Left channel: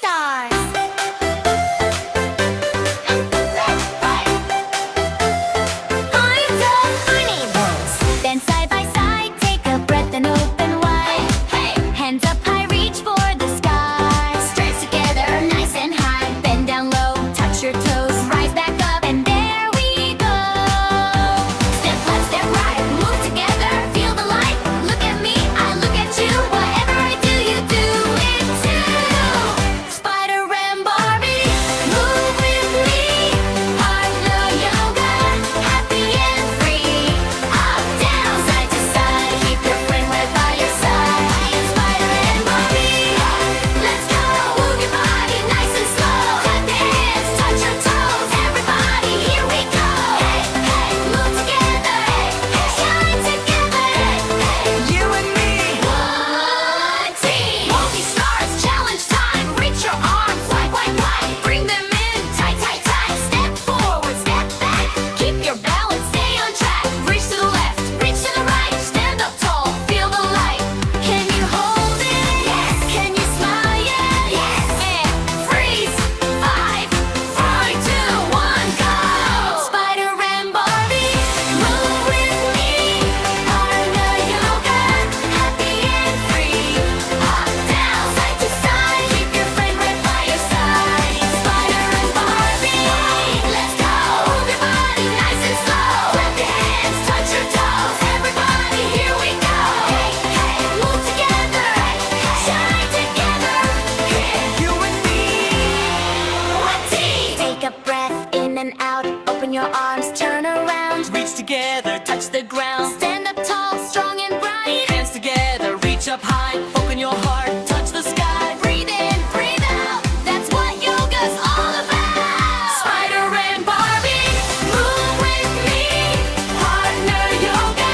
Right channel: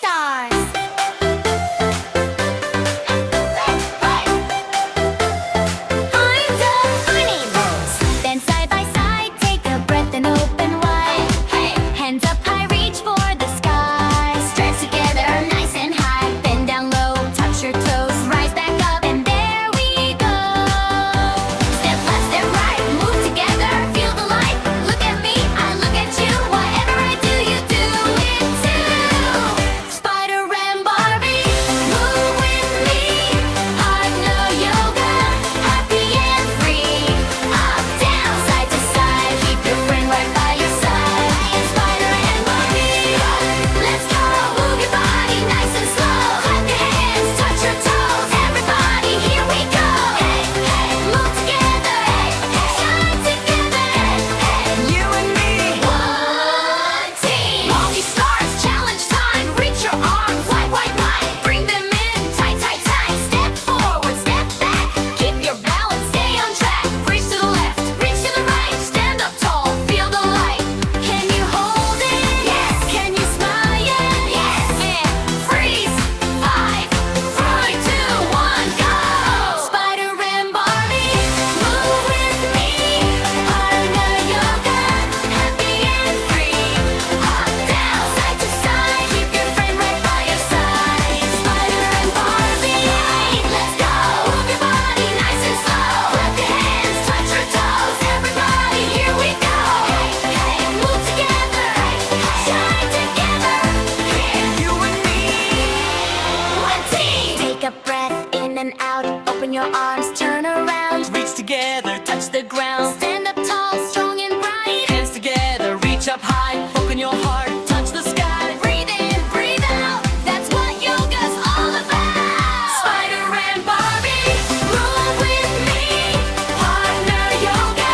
stars. Arms up, our neighbors. Then side by side, take a breath and open wide. Hands up high, reach for the sky. Stretch together, nice and high. Bend down low, touch your toes. Rise back up, and there we go. Step left, step right, move together. Feel the light. Look at me, I look at you. Whatever I do, you do it too. Spider and Barbie, move with me. Partner yoga, happy and free. Up, down, side to side. Keep your friend right by your side. I am Spider and Barbie. Let's go. Move your body nice and slow. Clap your hands, touch your toes. Everybody, here we go. Hey, hey, move together. Hey, hey, shine together. Hey, hey, you and me. One team. Multi stars, challenge time. Reach your arms wide, wide, wide. Bring them in, tight, tight, tight. Step forward, step back. Keep your balance, stay on track. Reach to the left, reach to the right. Stand up tall, feel the light. Can you hold it? Yes. Can you smile? Yes. And freeze. 5, 4, 2, 1, go. Spider and Barbie, move with me. Partner yoga, happy and free. Up, down, side to side. Keep your friend right by your side. Spider and Barbie, let's go. Move your body nice and slow. Clap your hands, touch your toes. Everybody, here we go. Hey, hey, move together. Hey, hey, shine together. Hey, you and me. One team. Take a breath in and out. Open your arms, turn around. Reach together, touch the ground. Stand up tall, strong and bright. Hands together, reach up high. Open your heart, touch the sky. Breathe in, breathe out. That's what yoga's all about. Spider and Barbie, move with me. Partner yoga,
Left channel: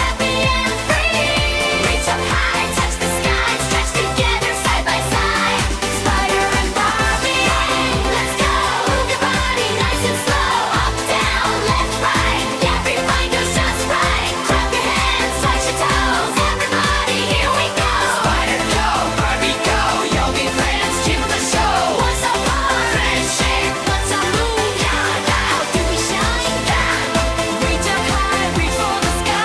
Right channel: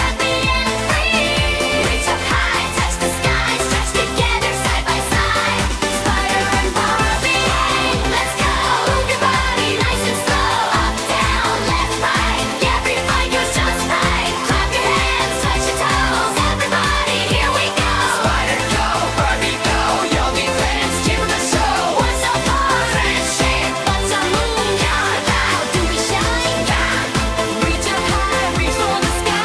happy and free. Reach up high, touch the sky. Stretch together, side by side. Spider and Barbie, let's go. Move your body nice and slow. Up, down, left, right. Every fight goes just right. Clap your hands, touch your toes. Everybody, here we go. Spider go, Barbie go. Yogi friends, keep the show. What's our part? Friendship. What's our move? How do we shine? Reach up high, reach for the sky.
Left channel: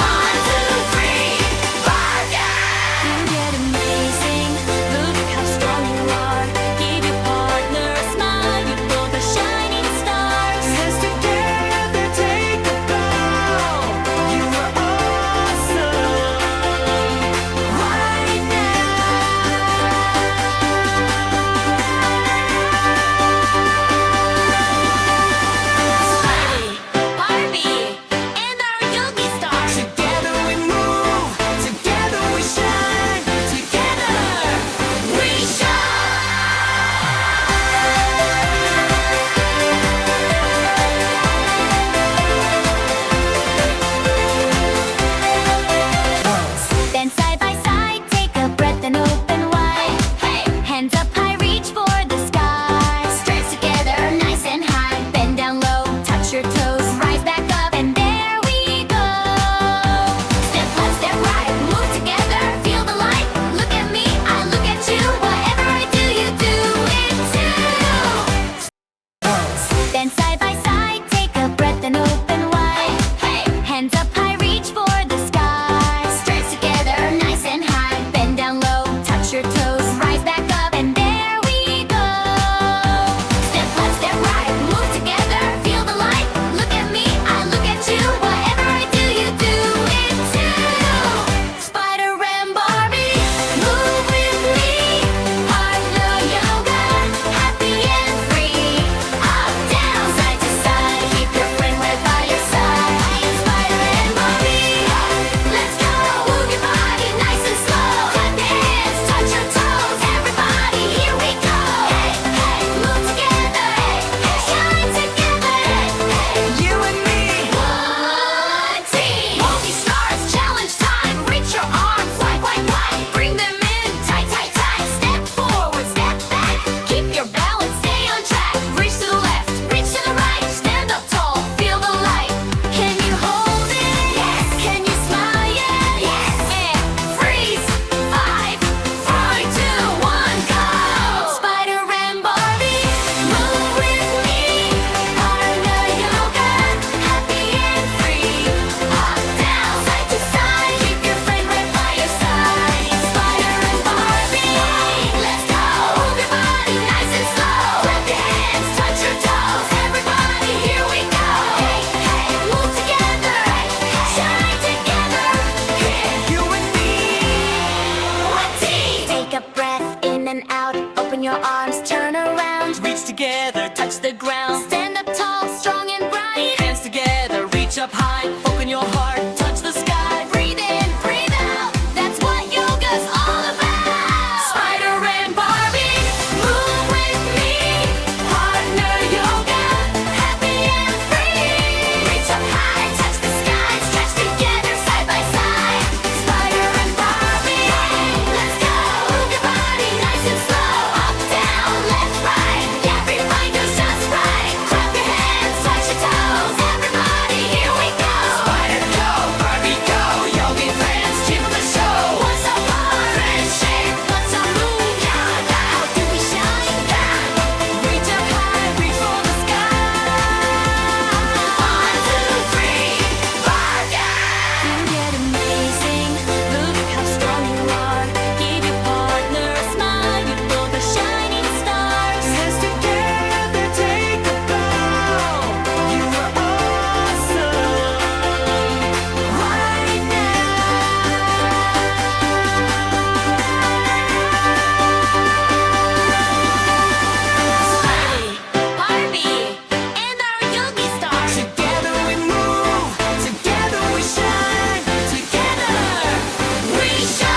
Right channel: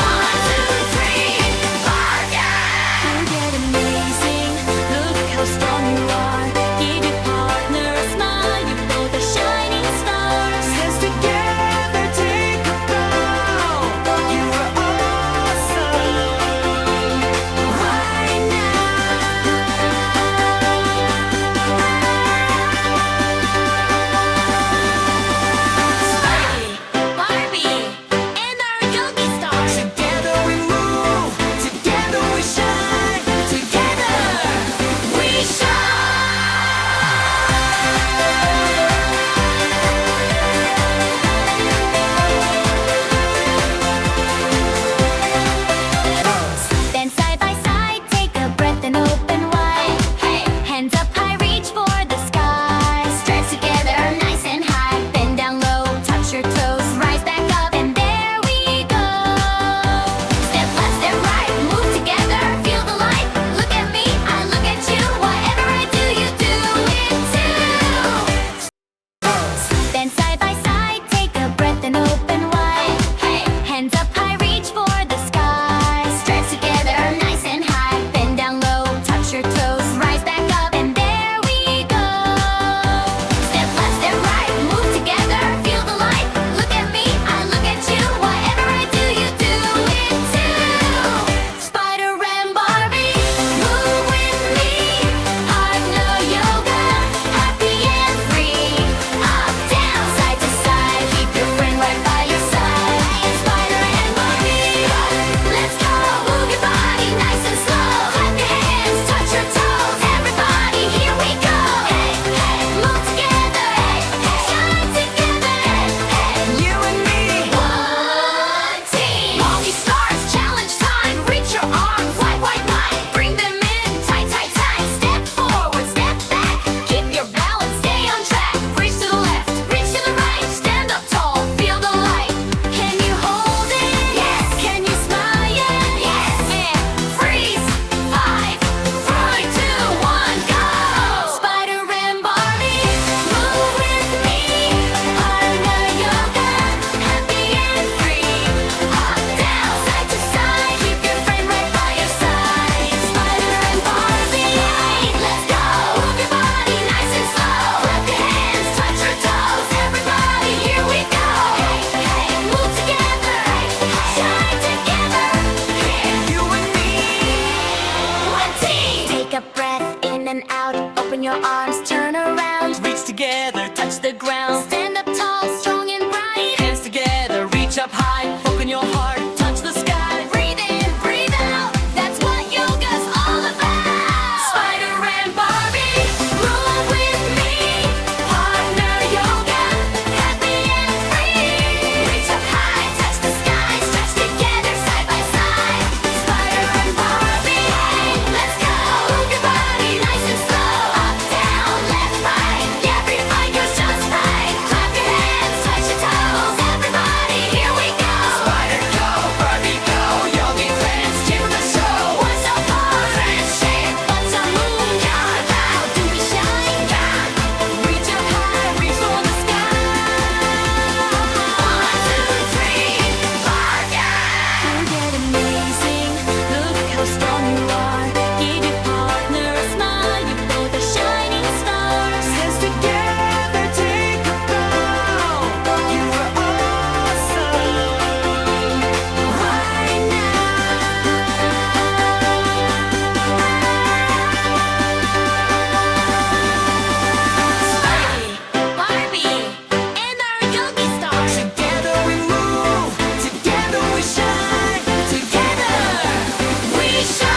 1, 2, 3, bargain! You get amazing. Look how strong you are. Give your partner a smile. You're both a shining stars. Hands together, take a bow. You are awesome. Right now. Spidey, Barbie, and our yogi stars. Together we move, together we shine, together we shine. up breath, in and out. Open your arms, turn around. Reach together, touch the ground. Stand up tall, strong and bright. Hands together, reach up high. Open your heart, touch the sky. Breathe in, breathe out. That's what yoga's all about. Spider and Barbie, move with me. Partner yoga, happy and free. Reach up high, touch the sky. Stretch together, side by side. Spider and Barbie, let's go. Move your body nice and slow. Up, down, left, right. Every bite goes just right. Clap your hands, touch your toes. Everybody, here we go. Spider go, Barbie go. Yogi friends, cheer for the show. What's our part? Friendship. What's our move? Yoga. How do we shine? Reach up high, reach for the sky. 1, 2, 3, bargain. You get amazing. Look how strong you are. Give your partner a smile. You both are shining stars. Hands together, take a bow. You are awesome right Spidey, Barbie, and our yogi stars. Together we move, together we shine, together we shine.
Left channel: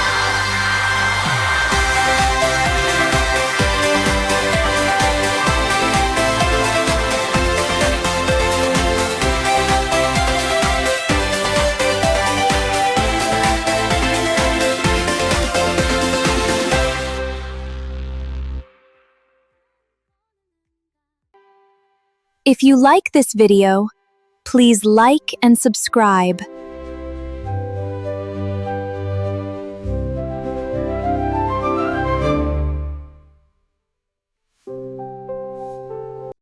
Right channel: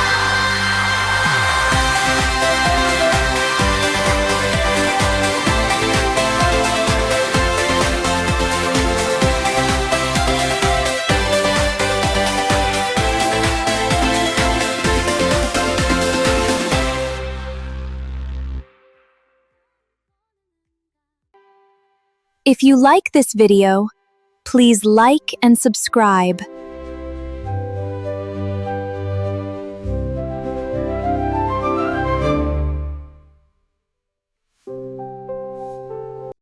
If you like this video, please like and subscribe.